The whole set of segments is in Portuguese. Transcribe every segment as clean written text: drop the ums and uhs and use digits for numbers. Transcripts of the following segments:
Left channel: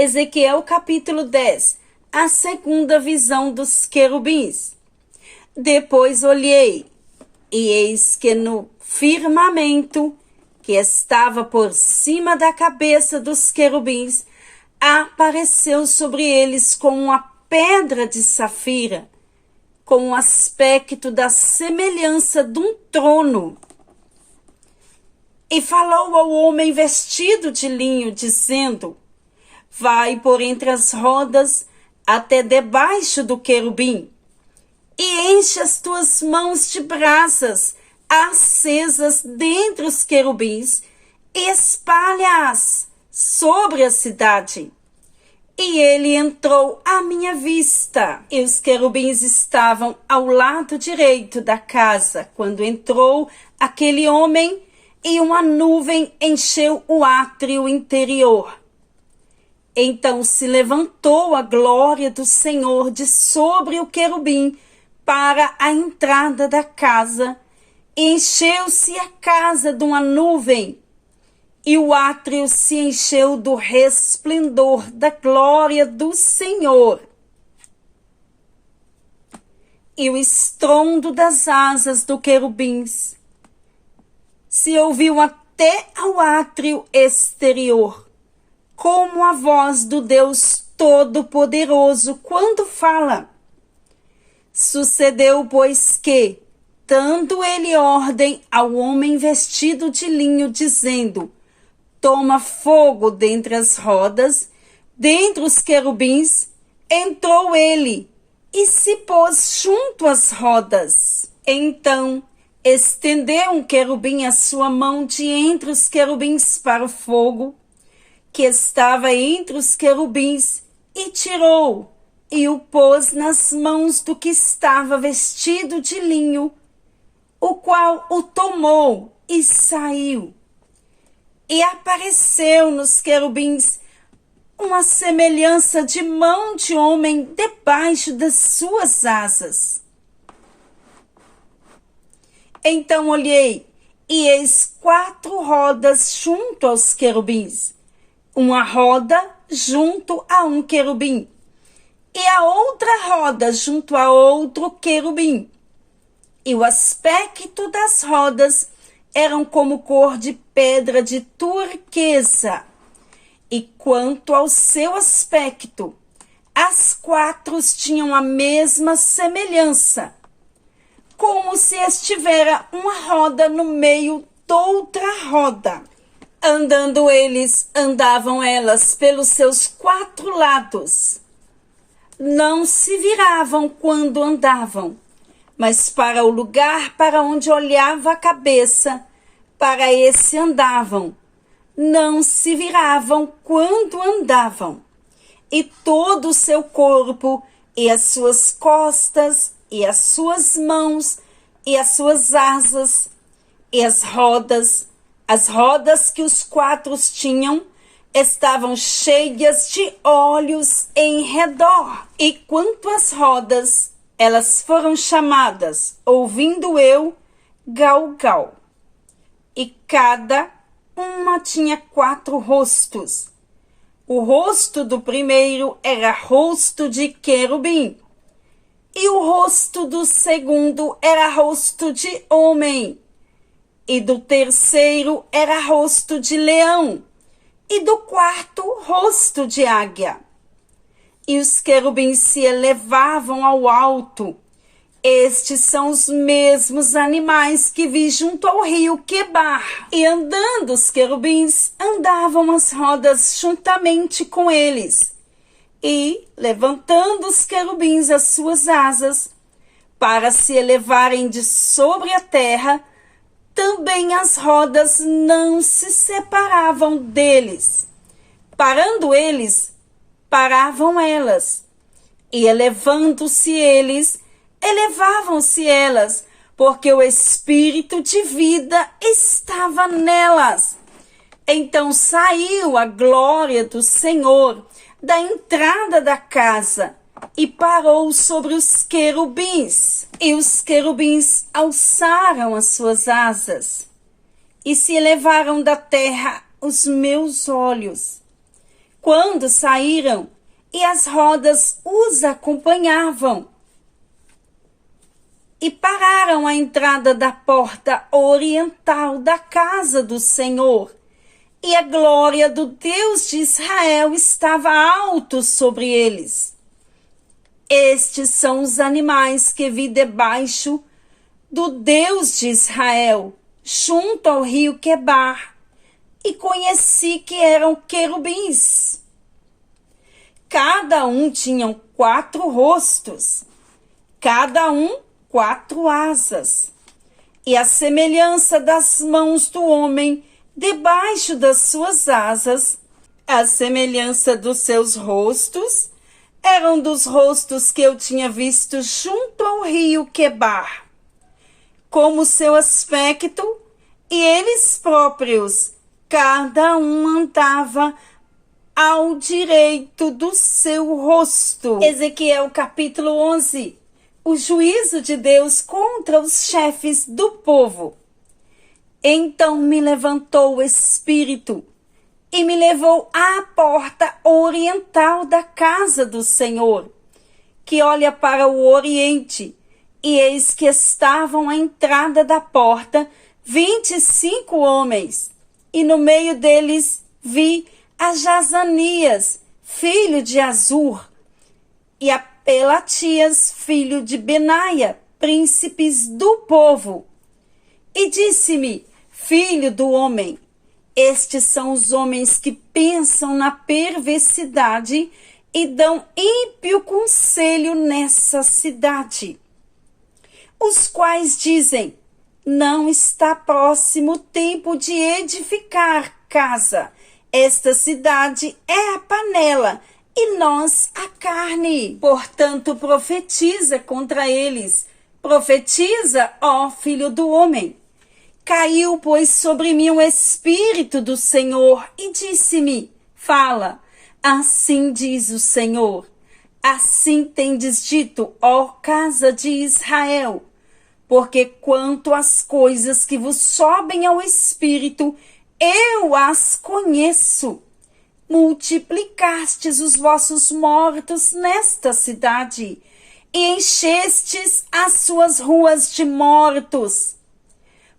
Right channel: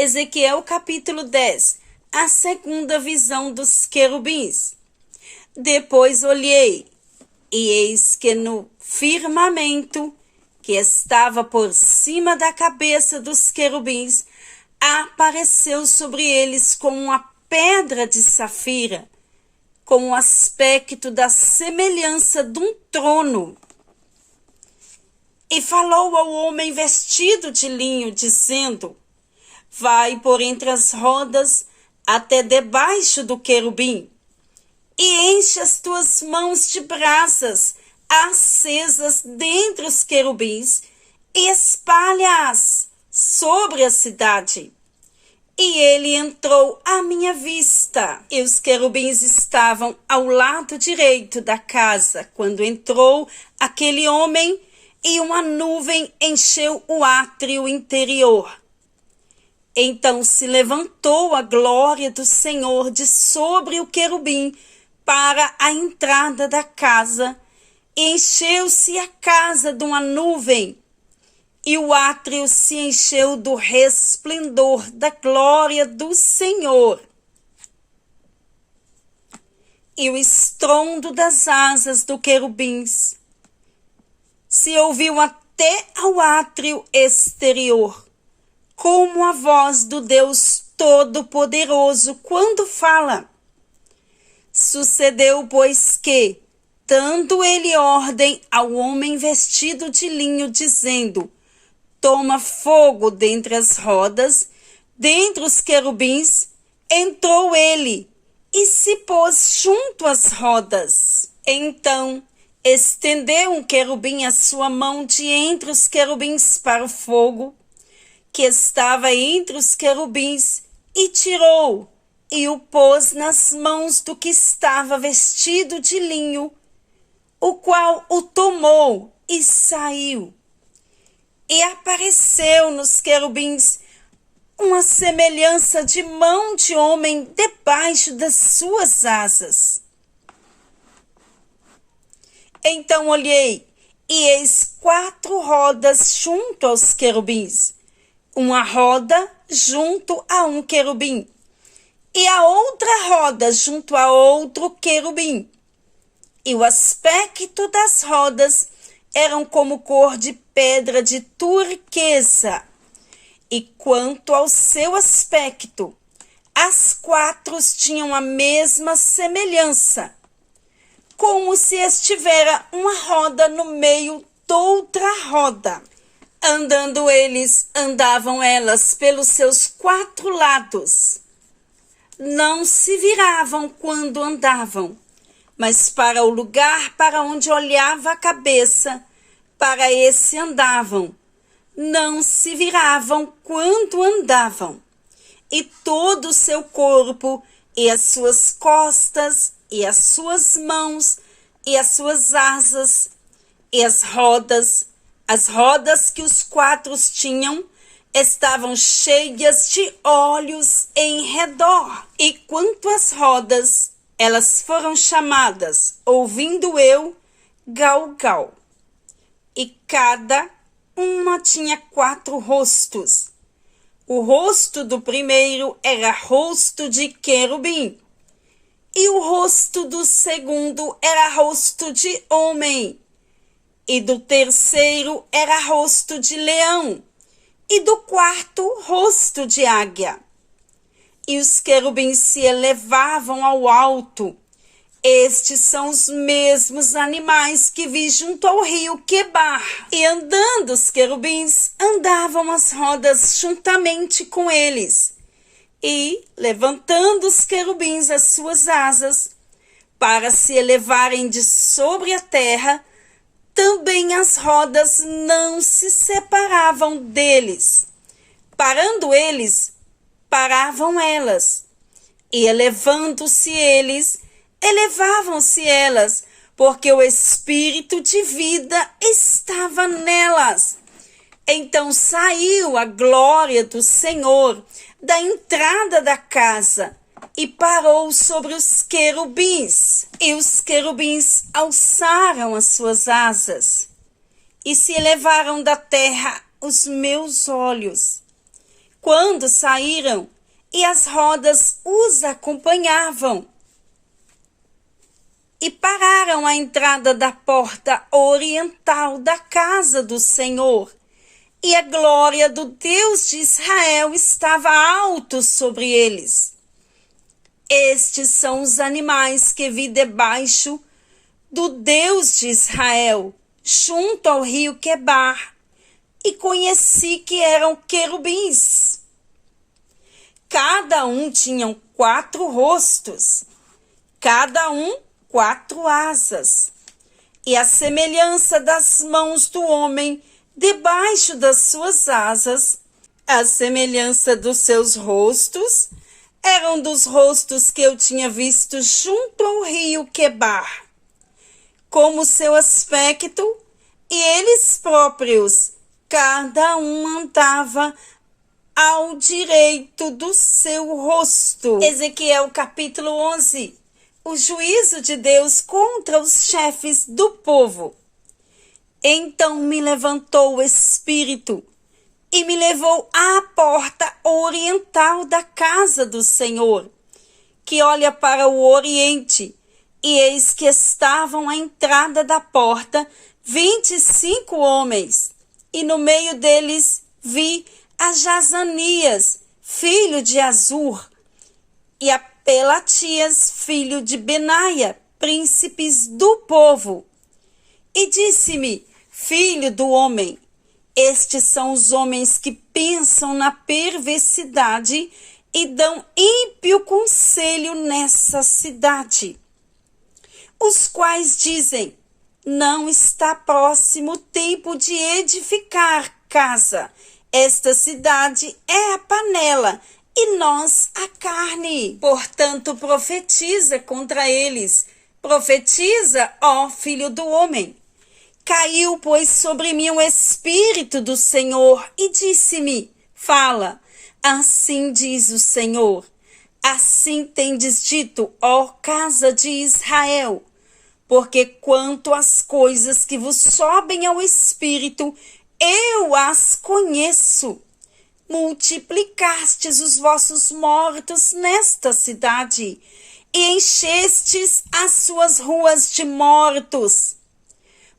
Ezequiel capítulo 10, a segunda visão dos querubins. Depois olhei, e eis que no firmamento que estava por cima da cabeça dos querubins, apareceu sobre eles como uma pedra de safira, com o aspecto da semelhança de um trono. E falou ao homem vestido de linho, dizendo: vai por entre as rodas até debaixo do querubim, e enche as tuas mãos de brasas acesas dentre os querubins, e espalha-as sobre a cidade. E ele entrou à minha vista, e os querubins estavam ao lado direito da casa, quando entrou aquele homem, e uma nuvem encheu o átrio interior. Então se levantou a glória do Senhor de sobre o querubim para a entrada da casa, e encheu-se a casa de uma nuvem, e o átrio se encheu do resplendor da glória do Senhor. E o estrondo das asas do querubins se ouviu até ao átrio exterior, como a voz do Deus Todo-Poderoso quando fala. Sucedeu, pois, que, dando ele ordem ao homem vestido de linho, dizendo: toma fogo dentre as rodas, dentre os querubins, entrou ele e se pôs junto às rodas. Então estendeu um querubim a sua mão de entre os querubins para o fogo, que estava entre os querubins, e tirou, e o pôs nas mãos do que estava vestido de linho, o qual o tomou e saiu. E apareceu nos querubins uma semelhança de mão de homem debaixo das suas asas. Então olhei, e eis 4 rodas junto aos querubins, uma roda junto a um querubim, e a outra roda junto a outro querubim. E o aspecto das rodas eram como cor de pedra de turquesa. E quanto ao seu aspecto, as 4 tinham a mesma semelhança, como se estivera uma roda no meio de outra roda. Andando eles, andavam elas pelos seus 4 lados. Não se viravam quando andavam, mas para o lugar para onde olhava a cabeça, para esse andavam. Não se viravam quando andavam. E todo o seu corpo, e as suas costas, e as suas mãos, e as suas asas, e as rodas que os 4 tinham, estavam cheias de olhos em redor. E quanto às rodas, elas foram chamadas, ouvindo eu, Galgal. E cada uma tinha 4 rostos. O rosto do primeiro era rosto de querubim, e o rosto do segundo era rosto de homem, e do terceiro era rosto de leão, e do quarto rosto de águia. E os querubins se elevavam ao alto. Estes são os mesmos animais que vi junto ao rio Quebar. E andando os querubins, andavam as rodas juntamente com eles. E, levantando os querubins as suas asas, para se elevarem de sobre a terra, também as rodas não se separavam deles. Parando eles, paravam elas. E elevando-se eles, elevavam-se elas, porque o espírito de vida estava nelas. Então saiu a glória do Senhor da entrada da casa e parou sobre os querubins. E os querubins alçaram as suas asas e se elevaram da terra os meus olhos. quando saíram, e as rodas os acompanhavam. E pararam à entrada da porta oriental da casa do Senhor, e a glória do Deus de Israel estava alto sobre eles. Estes são os animais que vi debaixo do Deus de Israel, junto ao rio Quebar, e conheci que eram querubins. Cada um tinha 4 rostos, cada um 4 asas, e a semelhança das mãos do homem debaixo das suas asas, a semelhança dos seus rostos, eram dos rostos que eu tinha visto junto ao rio Quebar. Como seu aspecto, e eles próprios, cada um andava ao direito do seu rosto. Ezequiel capítulo 11. O juízo de Deus contra os chefes do povo. Então me levantou o Espírito e me levou à porta oriental da casa do Senhor, que olha para o oriente, e eis que estavam à entrada da porta 25 homens, e no meio deles vi a Jazanias, filho de Azur, e a Pelatias, filho de Benaia, príncipes do povo. E disse-me: filho do homem, estes são os homens que pensam na perversidade e dão ímpio conselho nessa cidade, os quais dizem: não está próximo o tempo de edificar casa. Esta cidade é a panela e nós a carne. Portanto, profetiza contra eles. Profetiza, ó filho do homem. Caiu, pois, sobre mim o Espírito do Senhor e disse-me: fala, assim diz o Senhor. Assim tendes dito, ó casa de Israel, porque quanto às coisas que vos sobem ao Espírito, eu as conheço. Multiplicastes os vossos mortos nesta cidade, e enchestes as suas ruas de mortos.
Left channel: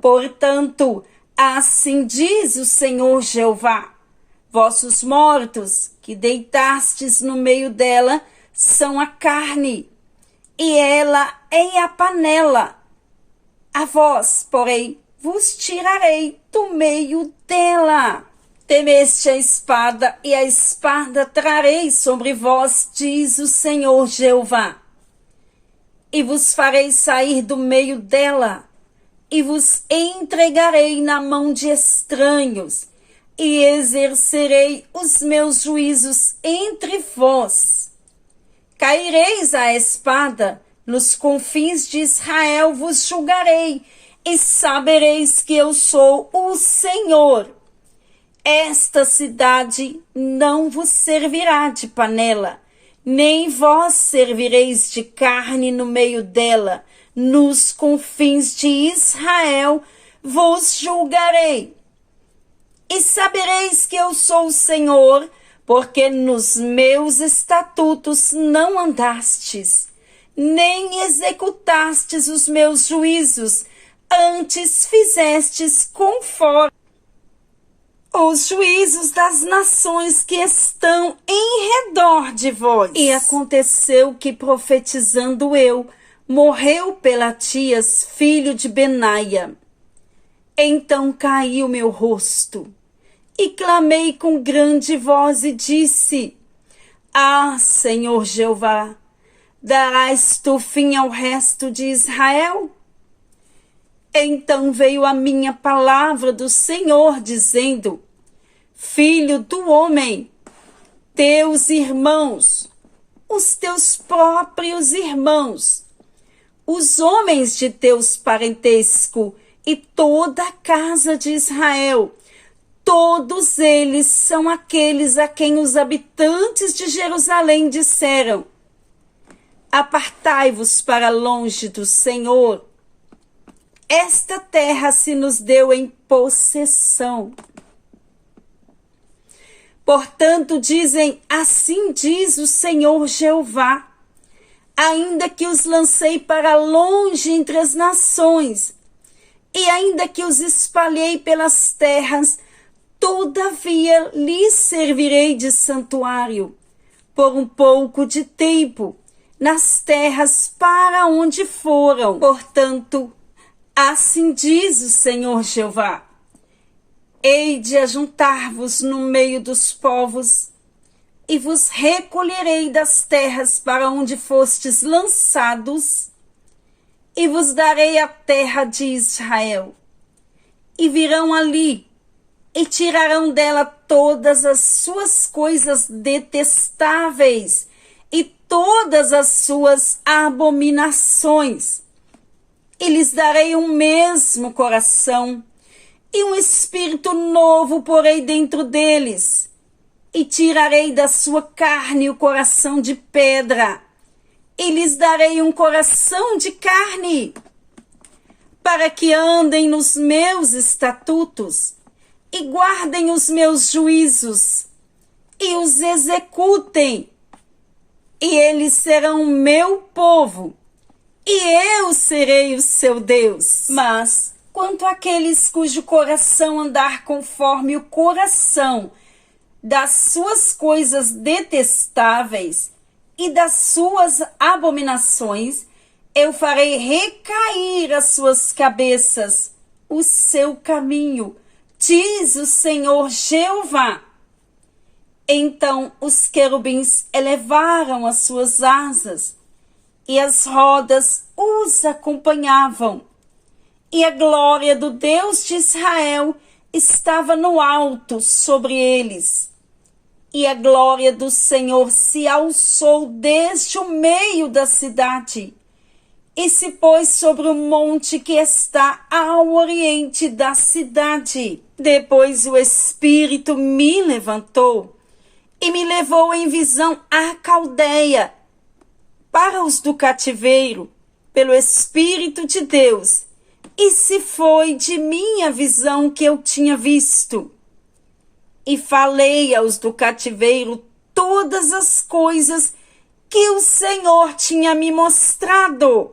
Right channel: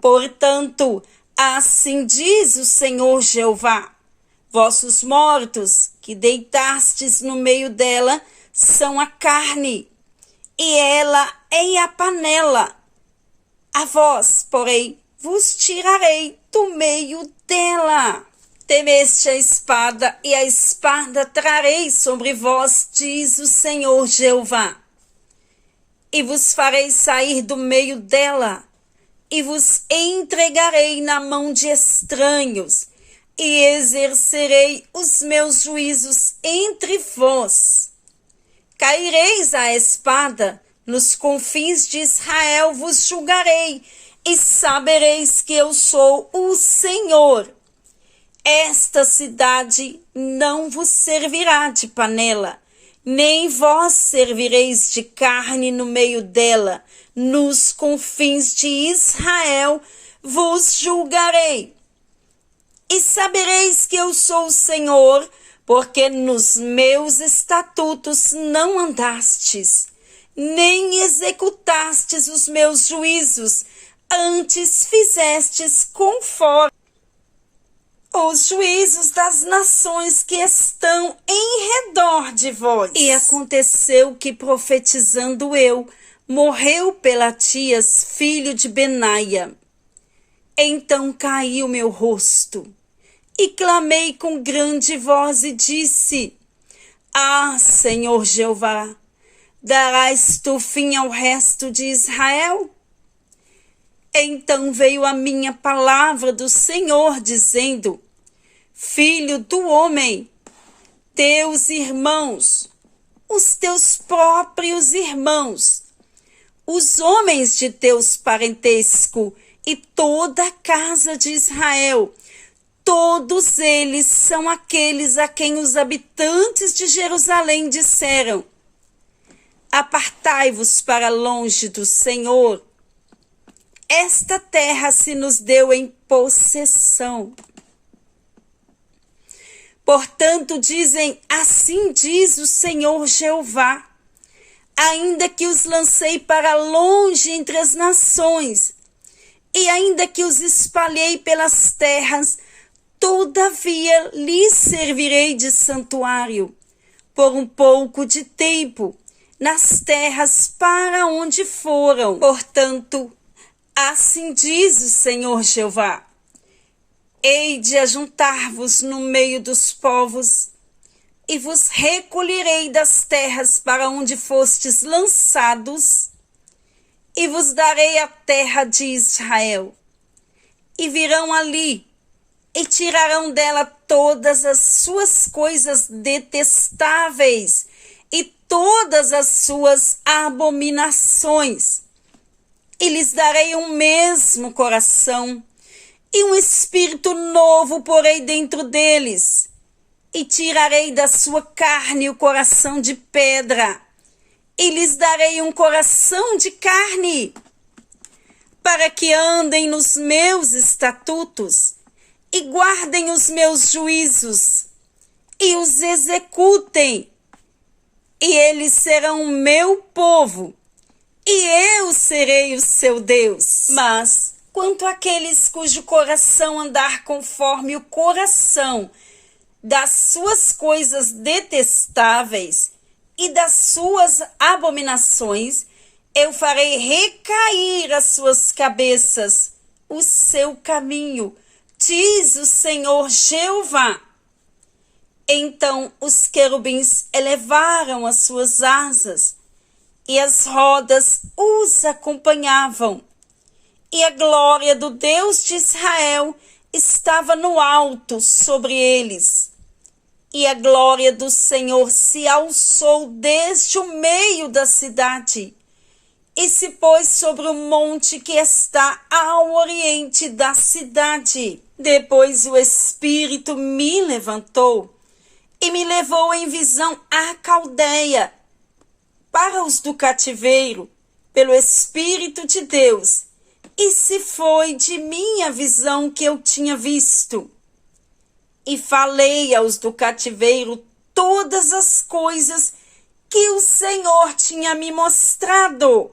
Portanto, assim diz o Senhor Jeová: vossos mortos, que deitastes no meio dela, são a carne, e ela é a panela. A vós, porém, vos tirarei do meio dela. Temeste a espada, e a espada trarei sobre vós, diz o Senhor Jeová. E vos farei sair do meio dela, e vos entregarei na mão de estranhos, e exercerei os meus juízos entre vós. Caireis à espada, nos confins de Israel vos julgarei, e sabereis que eu sou o Senhor. Esta cidade não vos servirá de panela, nem vós servireis de carne no meio dela. Nos confins de Israel vos julgarei. E sabereis que eu sou o Senhor, porque nos meus estatutos não andastes, nem executastes os meus juízos, antes fizestes conforme os juízos das nações que estão em redor de vós. E aconteceu que, profetizando eu, morreu Pelatias, filho de Benaia. Então caiu meu rosto, e clamei com grande voz e disse: ah, Senhor Jeová, darás tu fim ao resto de Israel? Então veio a minha palavra do Senhor, dizendo: filho do homem, teus irmãos, os teus próprios irmãos, os homens de teus parentesco e toda a casa de Israel, todos eles são aqueles a quem os habitantes de Jerusalém disseram: apartai-vos para longe do Senhor. Esta terra se nos deu em possessão. Portanto, dizem, assim diz o Senhor Jeová, ainda que os lancei para longe entre as nações, e ainda que os espalhei pelas terras, todavia lhes servirei de santuário, por um pouco de tempo, nas terras para onde foram. Portanto, assim diz o Senhor Jeová, hei de ajuntar-vos no meio dos povos, e vos recolherei das terras para onde fostes lançados, e vos darei a terra de Israel. E virão ali, e tirarão dela todas as suas coisas detestáveis, e todas as suas abominações. E lhes darei um mesmo coração, e um espírito novo porei dentro deles, e tirarei da sua carne o coração de pedra, e lhes darei um coração de carne, para que andem nos meus estatutos, e guardem os meus juízos, e os executem, e eles serão meu povo, e eu serei o seu Deus. Mas, quanto àqueles cujo coração andar conforme o coração das suas coisas detestáveis e das suas abominações, eu farei recair as suas cabeças o seu caminho, diz o Senhor Jeová. Então os querubins elevaram as suas asas, e as rodas os acompanhavam, e a glória do Deus de Israel estava no alto sobre eles. E a glória do Senhor se alçou desde o meio da cidade, e se pôs sobre o monte que está ao oriente da cidade. Depois o Espírito me levantou e me levou em visão à Caldeia, para os do cativeiro, pelo Espírito de Deus, e se foi de minha visão que eu tinha visto. E falei aos do cativeiro todas as coisas que o Senhor tinha me mostrado.